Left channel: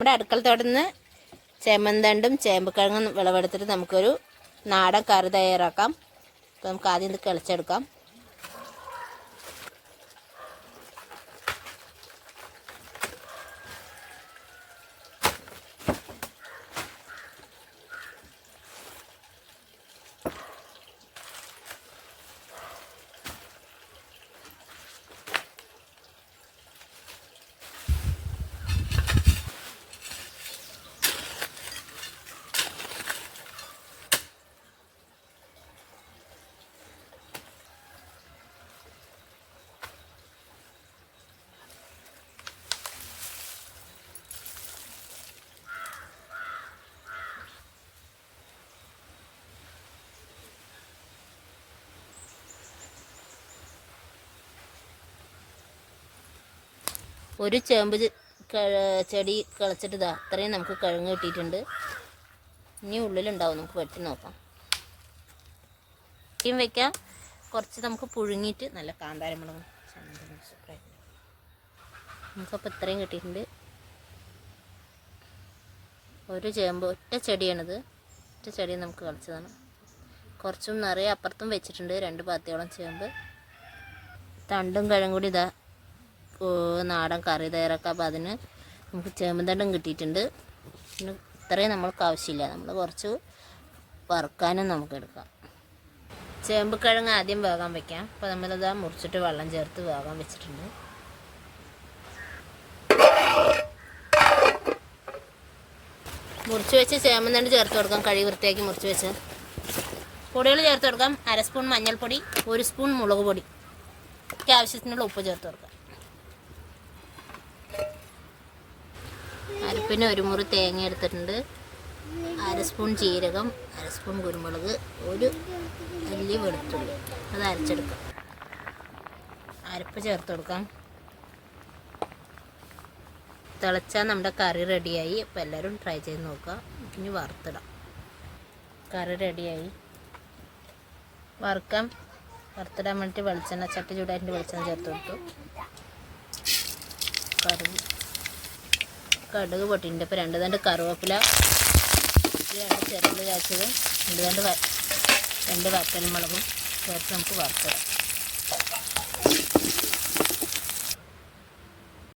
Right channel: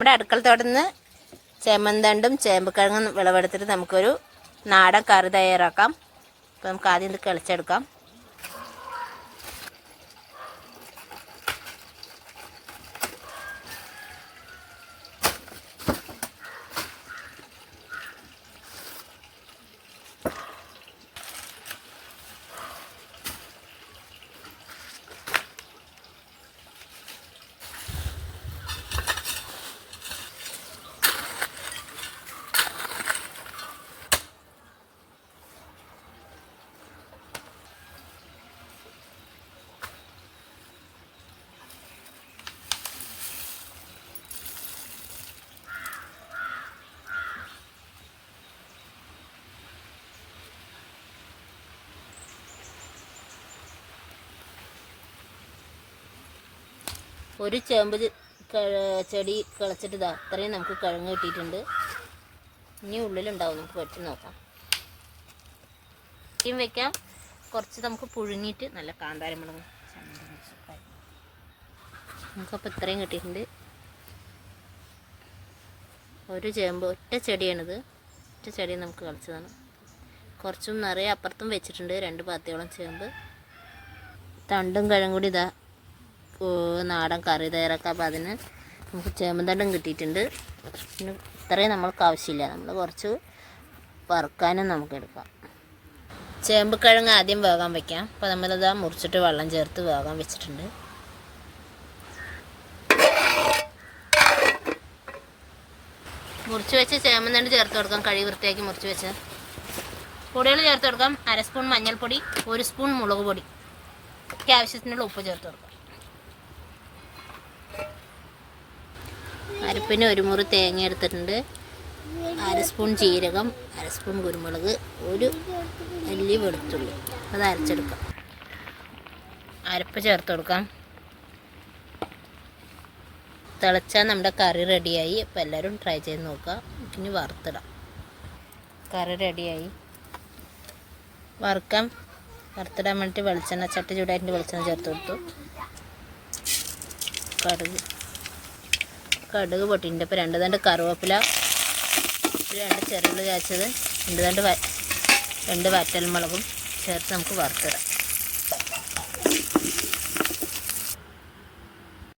നമ്മുടെ അടുക്കളത്തോടുന്ന് ചേമ്പന്തണ്ടും ചേമ്പക്കിഴങ്ങും വിളവെടുത്തിട്ട് നമുക്കൊരു നാടൻ കറി തയ്യാറാക്കാം. അപ്പോൾ നമുക്ക് ആദ്യം ഇത് കിളച്ചെടുക്കാം. ഒരു ചേമ്പ് ചെടി കിളച്ചിട്ട് ഇതാ അത്രയും നമുക്ക് കിഴങ്ങ് കിട്ടിയിട്ടുണ്ട്. ഇനി ഉള്ളിലുണ്ടാവും, നമുക്ക് വെട്ടി നോക്കാം. വെട്ടിയും വെക്കാം, കുറച്ച് നമുക്ക് പുഴുങ്ങിയിട്ട് നല്ല കാന്താരമുളകും നമുക്കപ്പോൾ ഇത്രയും കിട്ടിയിട്ടുണ്ട്. ഒരു ചേമ്പ് ഒറ്റ ചെടിയാണിത്, ഒറ്റ ചെടി നമുക്ക് കളിച്ചതാണ്. കുറച്ചും നിറയെ അപ്പുറത്തും വെച്ചിട്ടുണ്ട്, 2 പാത്തിയോളം ചേമ്പ്. തണ്ടും കിഴങ്ങും കൂടി ഇതാ നാടൻ കറി തയ്യാറാക്കാം. അപ്പോൾ അതിന് നമുക്ക് ചേമ്പന്തണ്ടും കിട്ടിയിട്ടുണ്ട്. പിന്നെ ഇത്രയും നമ്മൾക്ക് ആവശ്യമില്ല, നമ്മൾ കുറച്ച് വറുക്കാനും നമുക്ക് എടുക്കാം. ചേമ്പ് കിഴങ്ങ് ആദ്യം വേകാൻ വയ്ക്കാം. അപ്പോൾ നമ്മളിതാ മുറിച്ചിട്ട് വെള്ളം ചേർത്ത് വേകാൻ വെച്ചിട്ടുണ്ട്. മുറിച്ച് വെച്ച് ചേമ്പന്തണ്ട് ചേർത്ത് കൊടുക്കാം. കഴുകി വൃത്തിയാക്കി മുറിച്ച് വെച്ച് പൊടികൾ ചേർത്ത് കൊടുക്കാം. 1/2 സ്പൂൺ മഞ്ഞൾപ്പൊടി, 1 സ്പൂൺ മുളക് പൊടി, ഒക്കെ ആവശ്യത്തിനുള്ള ഉപ്പ് ചേർത്ത് കൊടുക്കാം. അരപ്പിന് 1 മുറി തേങ്ങ എടുത്തിട്ടുണ്ട്, 1/2 സ്പൂൺ ജീരകം, 1/2 സ്പൂൺ കുരുമുളക്, 1 അല്ലി വെളുത്തുള്ളി. അത് അരച്ചെടുക്കാം. അരപ്പ് ചേർത്ത് കൊടുക്കാം. തിളച്ചാൽ നമ്മുടെ കറി റെഡിയായി. അപ്പോൾ എല്ലാവരും ട്രൈ ചെയ്ത് നോക്കുക. ഇനി വറുത്തിടാം. കറി റെഡിയായി. വറുത്തിടാൻ വേണ്ടിയിട്ട് വെളിച്ചെണ്ണ ചട്ടി ചൂടായിട്ട് വെളിച്ചെണ്ണ ചേർത്ത് കൊടുത്തു. കടുക് പൊട്ടിയിട്ടുണ്ട്. ഇപ്പോൾ 2 തണ്ട് കറുവേപ്പില, 2 ചെറുള്ളി കാച്ചത്, 2 വറ്റൽമുളകും ചേർത്ത് നമുക്ക് വറുത്തിടാം.